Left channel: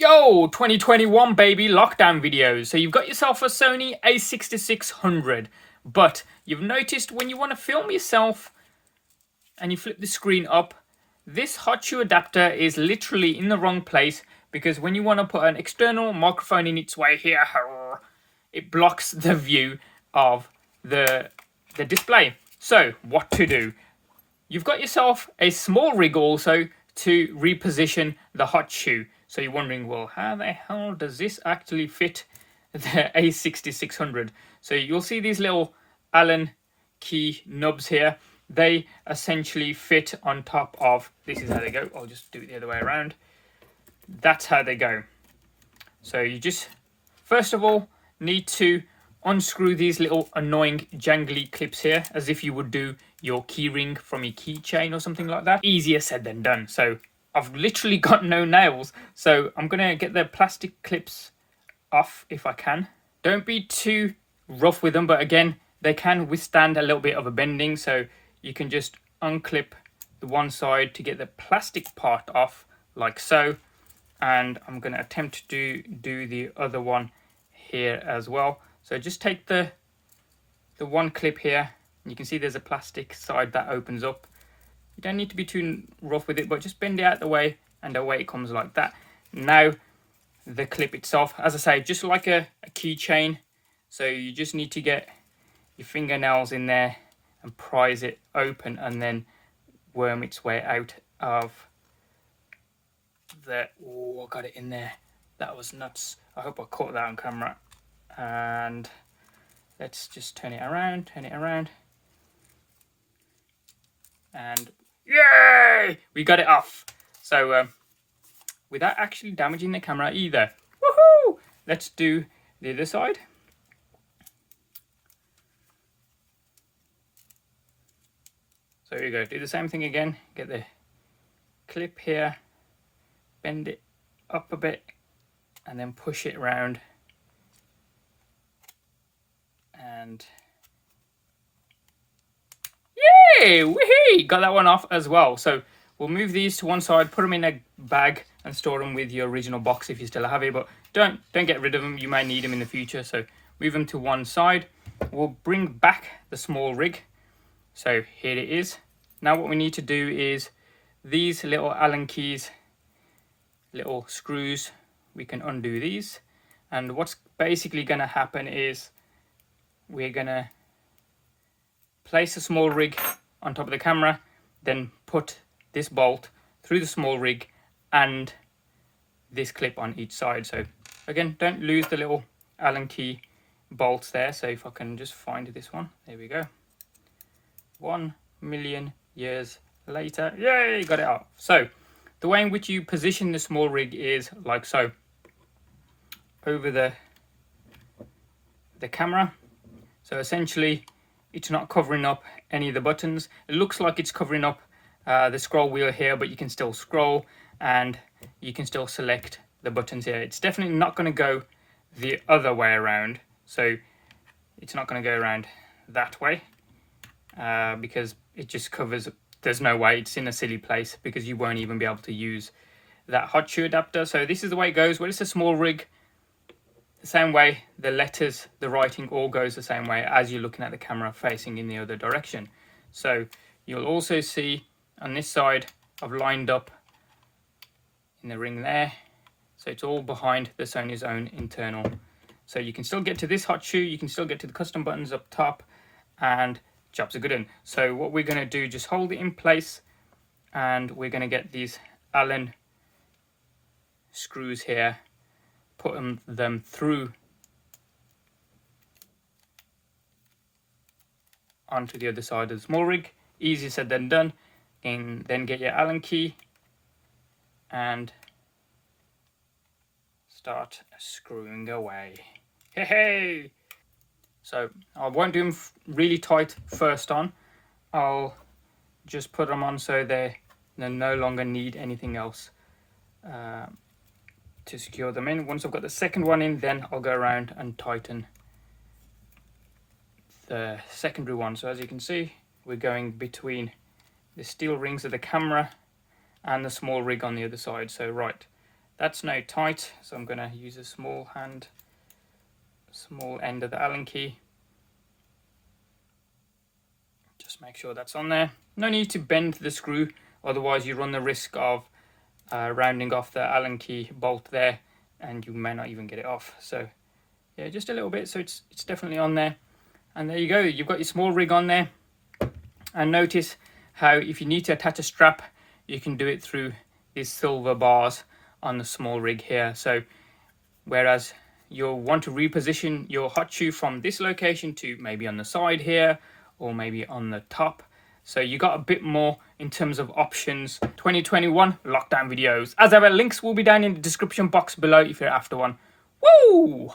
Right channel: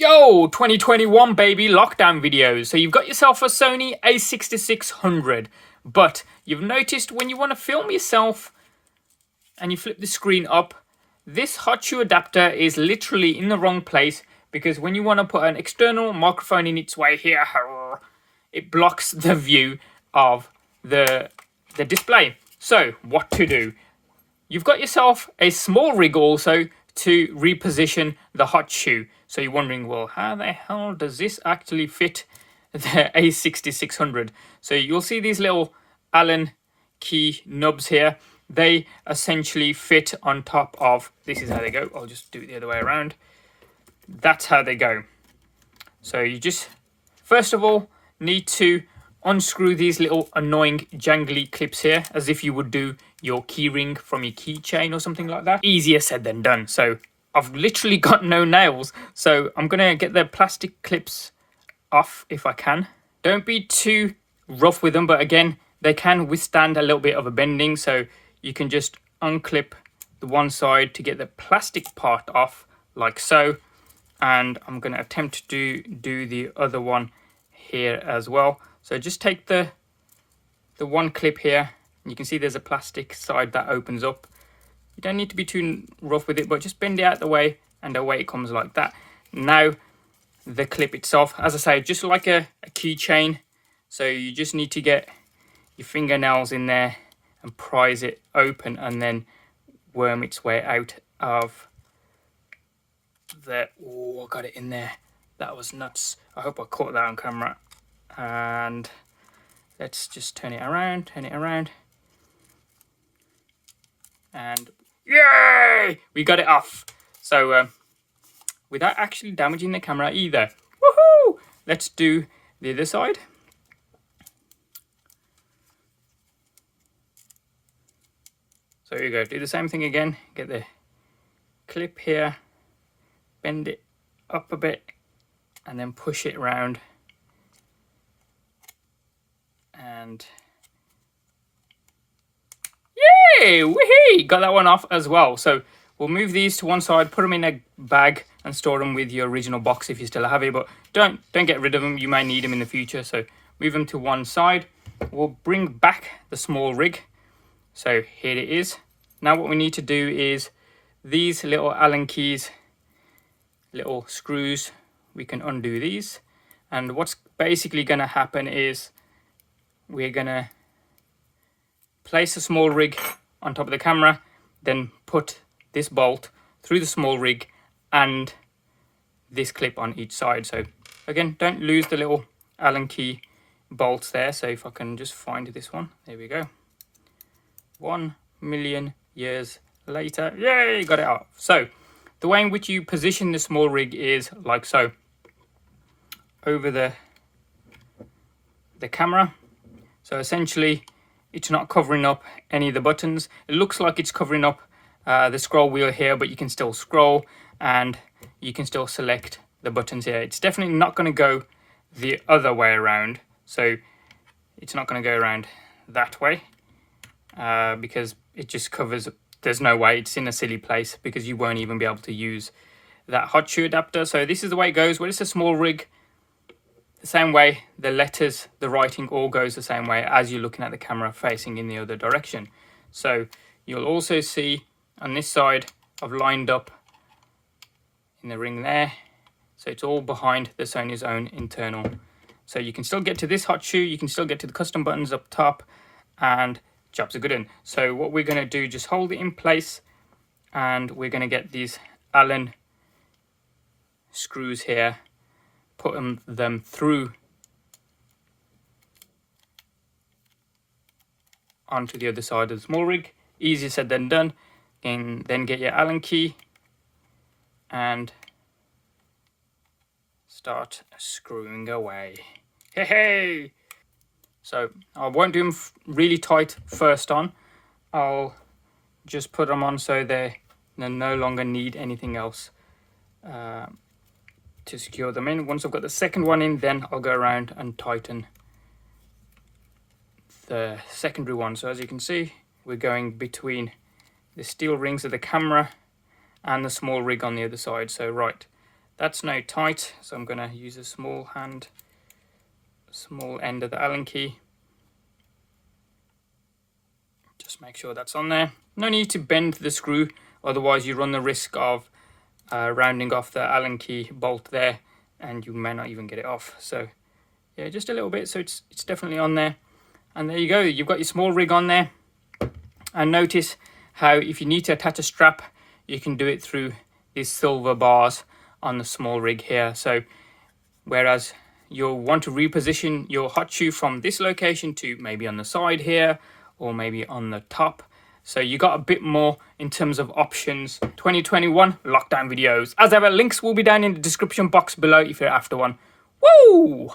Yo, 2021 baby, lockdown videos. So you've got yourself a Sony A6600, but you've noticed when you want to film yourself and you flip the screen up, this hot shoe adapter is literally in the wrong place, because when you want to put an external microphone in its way here, it blocks the view of the display. So what to do? You've got yourself a SmallRIG also to reposition the hot shoe. So you're wondering, well, how the hell does this actually fit the A6600? So you'll see these little Allen key nubs here. They essentially fit on top of, this is how they go. I'll just do it the other way around. That's how they go. So you just, first of all, need to unscrew these little annoying jangly clips here, as if you would do your keyring from your keychain or something like that. Easier said than done. So I've literally got no nails, so I'm gonna get the plastic clips off if I can. Don't be too rough with them, but again, they can withstand a little bit of a bending, so you can just unclip the one side to get the plastic part off, like so. And I'm gonna attempt to do the other one here as well. So just take the one clip here, and you can see there's a plastic side that opens up. You don't need to be too rough with it, but just bend it out the way, and away it comes like that. Now the clip itself, as I say, just like a keychain. So you just need to get your fingernails in there and prise it open, and then worm its way out of the, oh, I got it in there. That was nuts. I hope I caught that on camera. And let's just turn it around, and yay! We got it off. So without actually damaging the camera either. Woohoo! Let's do the other side. So here you go. Do the same thing again. Get the clip here, bend it up a bit, and then push it around. And yay! Woohoo! Got that one off as well. So we'll move these to one side, put them in a bag, and store them with your original box if you still have it. But don't get rid of them. You may need them in the future. So move them to one side. We'll bring back the SmallRIG. So here it is. Now what we need to do is these little Allen keys, little screws, we can undo these. And what's basically going to happen is we're going to place the SmallRIG on top of the camera, then put this bolt through the SmallRIG and this clip on each side. So again, don't lose the little Allen key bolts there. So if I can just find this one, there we go. 1 million years later, yay, got it off. So the way in which you position the SmallRIG is like so. Over the camera. So essentially it's not covering up any of the buttons. It looks like it's covering up the scroll wheel here, but you can still scroll and you can still select the buttons here. It's definitely not going to go the other way around. So it's not going to go around that way because it just covers, there's no way, it's in a silly place because you won't even be able to use that hot shoe adapter. So this is the way it goes. Well, it's a SmallRIG. The same way, the letters, the writing all goes the same way as you're looking at the camera facing in the other direction. So you'll also see on this side, I've lined up in the ring there. So it's all behind the Sony's own internal. So you can still get to this hot shoe, you can still get to the custom buttons up top, and jobs are good in. So what we're going to do, just hold it in place, and we're going to get these Allen screws here, put them through onto the other side of the SmallRIG. Easier said than done. And then get your Allen key and start screwing away. Hey, hey! So I won't do them really tight first on. I'll just put them on so they no longer need anything else to secure them in. Once I've got the second one in, then I'll go around and tighten the secondary one. So as you can see, we're going between the steel rings of the camera and the SmallRIG on the other side. So right, That's now tight, so I'm going to use a small end of the Allen key. Just make sure that's on there. No need to bend the screw, otherwise you run the risk of rounding off the Allen key bolt there, and you may not even get it off. So yeah, just a little bit, so it's definitely on there. And there you go, you've got your SmallRIG on there. And notice how if you need to attach a strap, you can do it through these silver bars on the SmallRIG here. So whereas you'll want to reposition your hot shoe from this location to maybe on the side here, or maybe on the top. So you got a bit more in terms of options. 2021 lockdown videos. As ever, links will be down in the description box below if you're after one. Woo!